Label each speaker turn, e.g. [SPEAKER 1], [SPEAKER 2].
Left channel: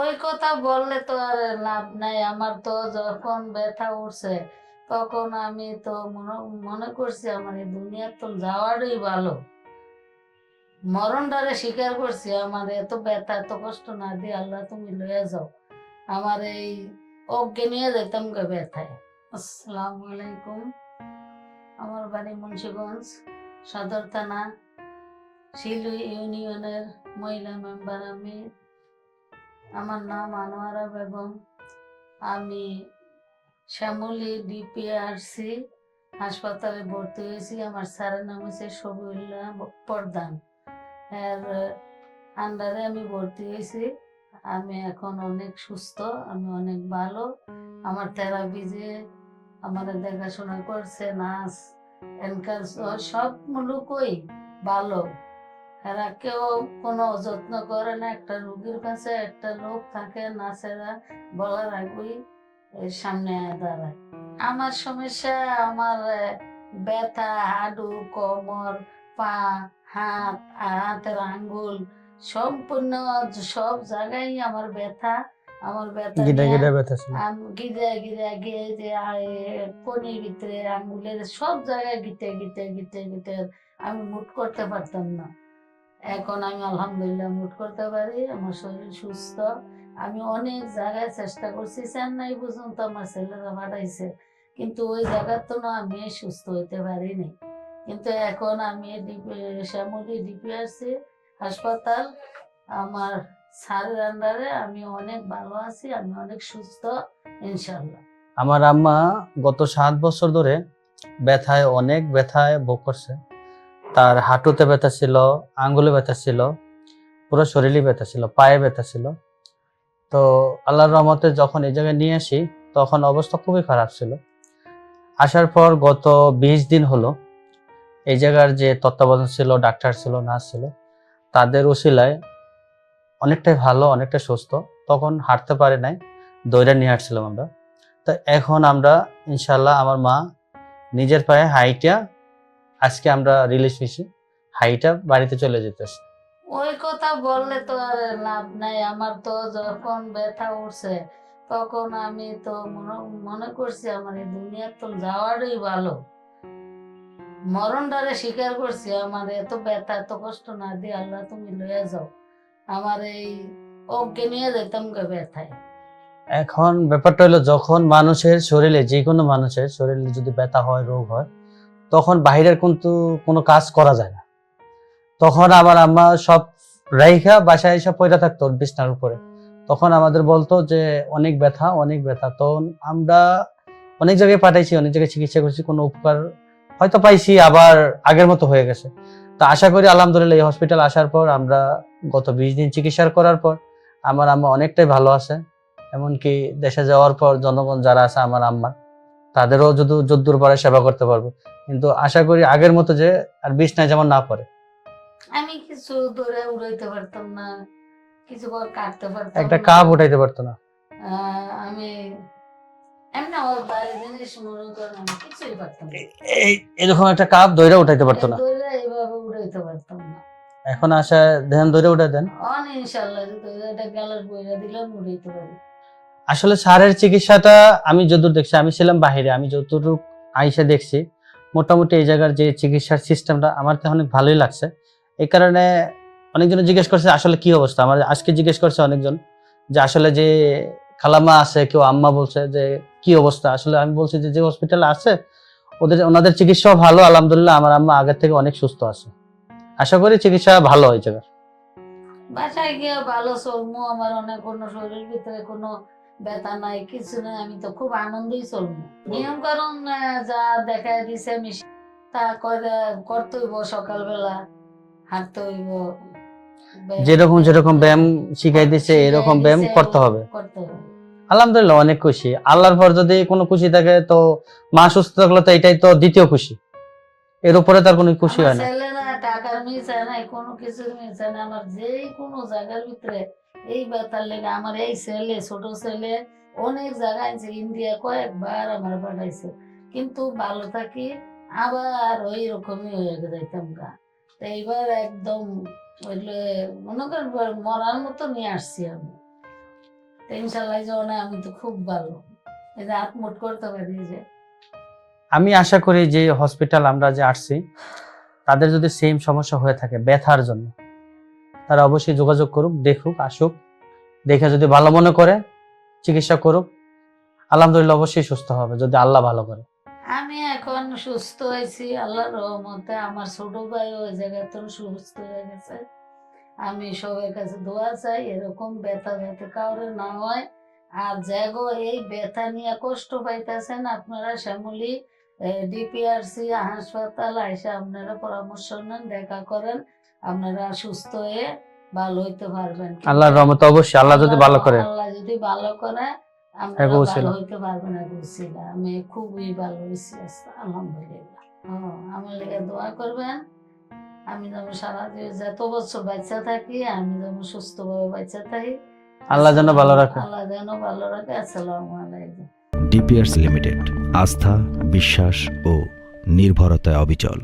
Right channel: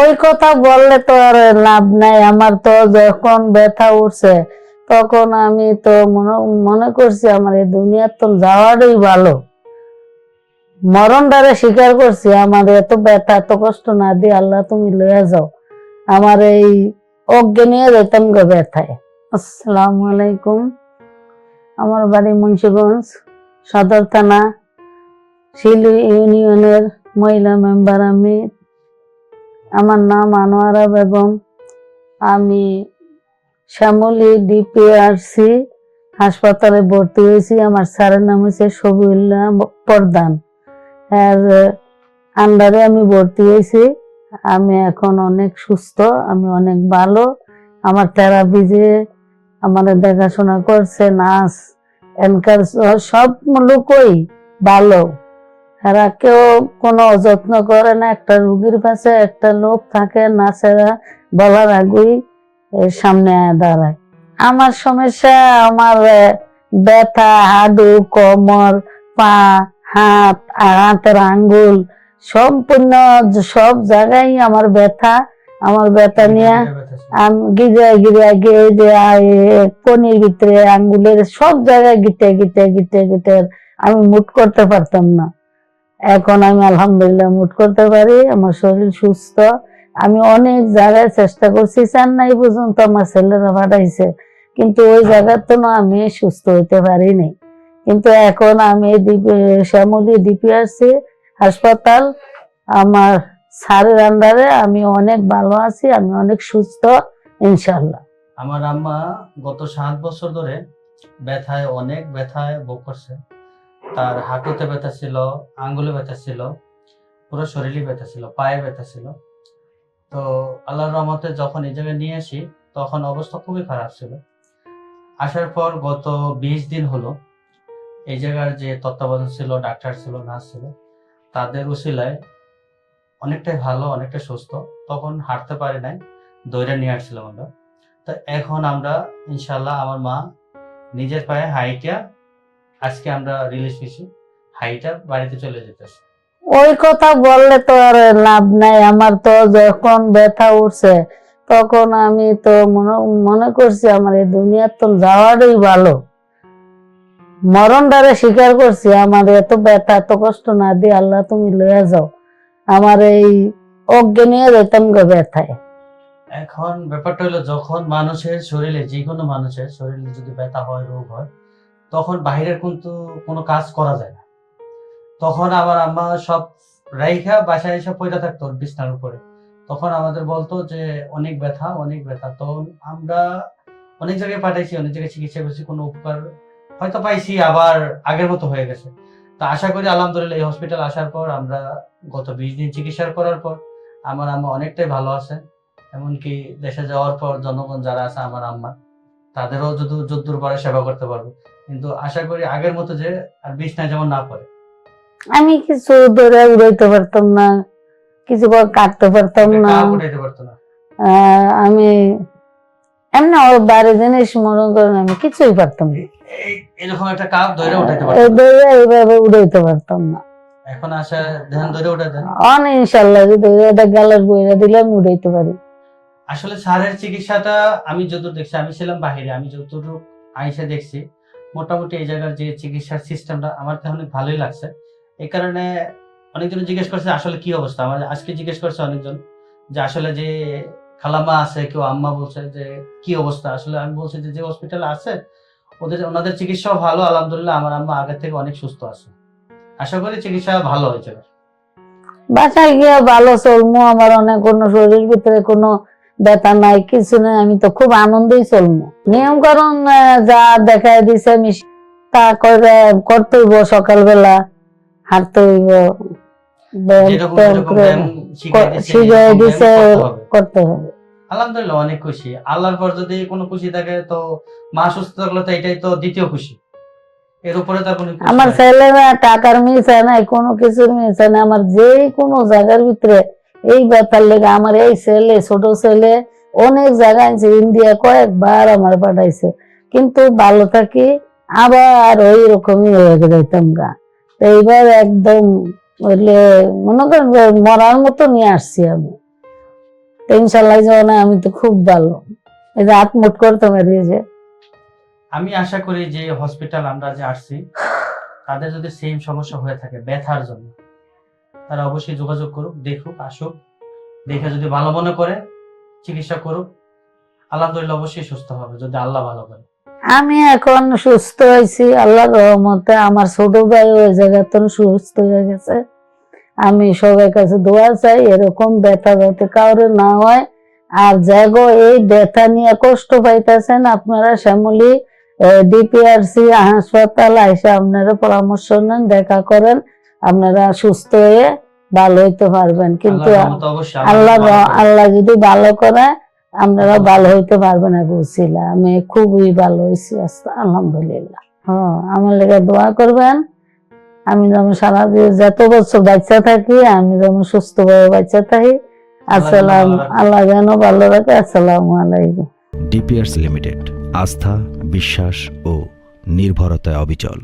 [SPEAKER 1] ওই কথা বললে তো আর লাভ নাই। আমার তো যখন ব্যথা উঠছে, তখন আমি তো মনে করছি আমার এই দুনিয়ার তো যাওয়াটাই ভালো। মরণ দ্বারা স্বীকার করছি, আমার এত ব্যথা, এত কষ্ট না দিয়ে আল্লাহ তুমি লয়ে যাও। আমার এই অজ্ঞানিয়ে যেতাম গো ব্যথায়। আসসালামু আলাইকুম। আমার বাড়ি মুন্সিগঞ্জ, সদর থানা, শিলু ইউনিয়নের মহিলা মেম্বার আমি আমার নাম আনোয়ারা বেগম। আমি শ্যামলী ডিপিআরসি হাসপাতালে ভর্তি হয়েছি। আমার স্যারের নাম হচ্ছে শবিউল্লাহ প্রধান। এর আন্ডারে আমি ভর্তি হয়েছি। আমি এখন অনেক সুস্থ, আমি অনেক ভালো। আমার থেরাপি যে আমার দেখাশোনা করছে নার্স এনকার সব লোকই ভালো। এরা কেউ কোনো অযত্ন করে না। একটা রুগীর পাশে একটা লোক থাকে নার্সেরা বলার আগেই সামনে দাঁড়ায়। আমার সমস্যা আমার ব্যথা হাডু কোমর পা হাত হাতের আঙ্গুল সম্পূর্ণ সব জায়গায় আমার ব্যথা। আমার ব্যথা নিয়ে আমি গিরে গিরে গিয়ে যে কনির ভিতরে আঙ্গুলের সব জায়গায় গিটে গিটে গিটে গিটে আমি মুট করতে পারতাম না। এখন আমি আলহামদুলিল্লাহ মুট করতে পারি, আমার শরীর সুস্থ। আমি অনেক জায়গায় চেষ্টা করছি, চেন্নাই পর্যন্ত আমার ছেলেরা পাঠাইছে, কিন্তু ওই জায়গার তো না আমি সুস্থ হইতে পারিনি কিন্তু এখন আমি শ্যামলী ডিপিআরসি হাসপাতাল, আমার স্যারের আন্ডারে আমি অনেক ভালো আছি, আমি অনেক সুস্থ ইনশাল্লাহ
[SPEAKER 2] আমার আম্মা গত সাত বছর ধরে ব্যথায়, অনেক ব্যথায় ভোগ করছে। তার হাঁটুতে ব্যথা ছিল, আঙ্গুলে ব্যথা ছিল, পুরো শরীরই ব্যথা ছিল, পায়ে ব্যথা ছিল। তো আল্লাহর রহমতে যখন এই জায়গায় নিয়ে আসি, তখন অবস্থা খুবই খারাপ ছিল। আসার পর গত বিশ দিন হলো, এই জায়গার যে তত্ত্বাবধান ছিল, ডাক্তার ছিল, নার্স ছিল, তাদের উসিলায় অনেকটাই ভালো অনেকটা সুস্থ। তখন হাঁটতে পারে নাই দইরা নিয়ে আসছিলাম আমরা। তো এখন আমরা ইনশাল্লাহ আমার মা নিজের পায়ে হাইটা আজকে আমরা রিলিজ হয়েছি হাইটা বাড়িতে চলে যেতেছে।
[SPEAKER 1] ওই কথা বললে তো আর লাভ নাই। আমার তো যখন ব্যথা উঠছে তখন আমি তো মনে করছি আমার এই দুনিয়ার তো যাওয়াটাই ভালো। মরণ দ্বারা স্বীকার করছি আমার এত ব্যথা এত কষ্ট না দিয়ে আল্লাহ তুমি লয়ে যাও। আমার এই অজ্ঞানিয়ে যেতাম গো ব্যথায়।
[SPEAKER 2] এখন ব্যাপারটা হলো যখন মানুষের শরীরে যে কোনো মানুষের শরীরে যদি ব্যথা হয় রোগ হয় তখন বাইরের কিন্তু কোনো কাজ করা যায় না। তখন আবার আমরা সব রাইখা বাসায় এসে পয়রা থাকতো বিছনার উপরে। তখন আমাদের বলতো যে, অনেক ব্যথা অনেক ব্যথা। তখন আমরা অনেক জায়গায় পাঠাইছি, অনেক জায়গায় চিকিৎসা করছি, কোনো উপকার হয়তো পাইছি, আবার আগের মতো হয়ে গেছে। তো আশা করি আলহামদুলিল্লাহ এই হসপিটাল আসার পর আমরা গত বিশ দিন চিকিৎসা করার পর আমার আম্মা অনেকটাই ভালো আছে। এমনকি দেশে যাওয়ার পর জনগণ যারা আছে, আমার আম্মা, তাদেরও যদি যদ্দূর পারে সেবা করতে পারবে। কিন্তু আশা করি আগের মতো যে আর বিছনায় যেমন না পড়ে।
[SPEAKER 1] আমি কিছু ধরে উড়াইতে পারতাম না কিছু কাটতে পারতাম
[SPEAKER 2] না। কাপ উঠাইতে পারতো না।
[SPEAKER 1] আমি এমনি বাইরে জিনিস মনে করেন আমি কিছুই পারতাম না।
[SPEAKER 2] এরকম একটা কাপ দইরা উঠাইতে পারতো এই না
[SPEAKER 1] দইরা এইভাবে উড়াইতে পারতাম না।
[SPEAKER 2] এখন আসা ধ্যান দইরা উঠাই দেন।
[SPEAKER 1] অন ইনশাল্লাহ যদি এটা গালের বইরা দিলে আমি উড়াইতে পারি।
[SPEAKER 2] আসলে সারের চিকিৎসাটা আমি যতদূর দেখছি আমি ছিলাম বাহিরে আমি যতটুকু আইসা দেখছি মোটামুটি এই জায়গার যে চিকিৎসার সিস্টেমটা আমার তো অনেক ভালোই লাগছে। এই কারণে অনেকজন জিজ্ঞেস করছে, আসলে কি অবস্থা? আমার আজকে জিজ্ঞেস করছে অনেকজন যে, আসলে যে খালাম্মা আছে, কেউ আম্মা বলছে যে, কি অবস্থা? আসলে আমি বলছি যে যে হসপিটালে আছে, ওদের, ওনাদের চিকিৎসাও ভালো, আলহামদুলিল্লাহ আমার আম্মা আগের থেকে অনেক সুস্থ আছে। আশা করি চিকিৎসা ভালো হয়েছে।
[SPEAKER 1] বাসায় গিয়ে ভালো চলমু, আমার অনেক কোনো শরীর ভিতরে কোনো ব্যথা নাই কিছু নাই আমি তো খুব আনন্দেই চলমু নিয়ম কারণ যা দেখাই দিছে আমি তা করে করতে হইব সকালবেলা হাঁটতে হইব
[SPEAKER 2] যেরকম যেরকম ব্যায়াম শিখাই দিচ্ছে শিখাই এরকম ব্যায়াম দিছে, করতে হবে। আলহামদুলিল্লাহ অনেক খুশি। আল্লাহর পর যদি কোনো খুশি থাকে তো মা সুস্থ থাকলে তো এটাই তো দ্বিতীয় খুশি। এর উপরে তার কোনো আমার না।
[SPEAKER 1] ছেলেরা টাকার মিশে নাই কোনো কিছুর মিশে নাই। আমার যে কোনো জায়গার ভিতরে এই ব্যাপার লেগে আমার এই ছেলে, ছোট ছেলে অনেক জায়গায় ইন্ডিয়া কয়েকবার আমার পাঠাইছে। কিন্তু ভালো থাকি, আবার ওই রকমই হয়ে যাইতাম গা। তো এইবার একদম হইলে মনে করেন মরার মতো নিয়ে আসছি আমি। তো ইনশাল্লাহ যাওয়া আমি তো খুব ভালো। এই যে আত্মুট করতে যে
[SPEAKER 2] আমি আশা করি যে হসপিটাল আমরা যে আসছি, তাদের যদি সেম সমস্যা হয়ে থাকে, ব্যথার জন্য। তারা অবশ্যই যোগাযোগ করুক, দেখুক, আসুক। দেখে যদি ভালো মনে করে, চিকিৎসা করুক। আলহামদুলিল্লাহ অবশ্যই সুস্থ হবে, যদি আল্লাহ ভালো করে।
[SPEAKER 1] আমি এখন সুস্থ হয়েছি, আল্লাহর রহমতে আমার ছোট ভাই ওই জায়গাতে সুস্থ হয়ে গেছে। আমি সবার কাছে দোয়া চাই, এরকম ব্যথা যাতে কাউরে না হয়। আর জাগো, এই ব্যথা নিয়ে কষ্ট পাইতেছেন আপনারা, শ্যামলী ডিপিআরসি, হাসপাতাল এসে আপনারা পরামর্শ নেন, দেখা করেন। আপনারা সুস্থ হয়ে ভালো হইতে পারবেন। কিন্তু আল্লাহ যদি ভালো করে। আল্লাহ যদি ভালো করে আপনারা ভালো হইতে পারবেন না বুঝছিলা আমি খুবই ভালো হয়েছি আস্তে- আলহামদুলিল্লাহ। হ্যাঁ আমার লেগে দোয়া করবেন। আমি যেমন সারা যত বছর বাচ্চা থাকি আমি যেমন সুস্থ ভাবে বাচ্চা থাকি। আসসালাম ভালো রাখে। আল্লাহ যেন ভালো রাখে। আসসালামু আলাইকুম। ডিপিয়ার্স লিমিটেড আস্থা বিশ্বাস ও নির্ভরতায় অবিচল।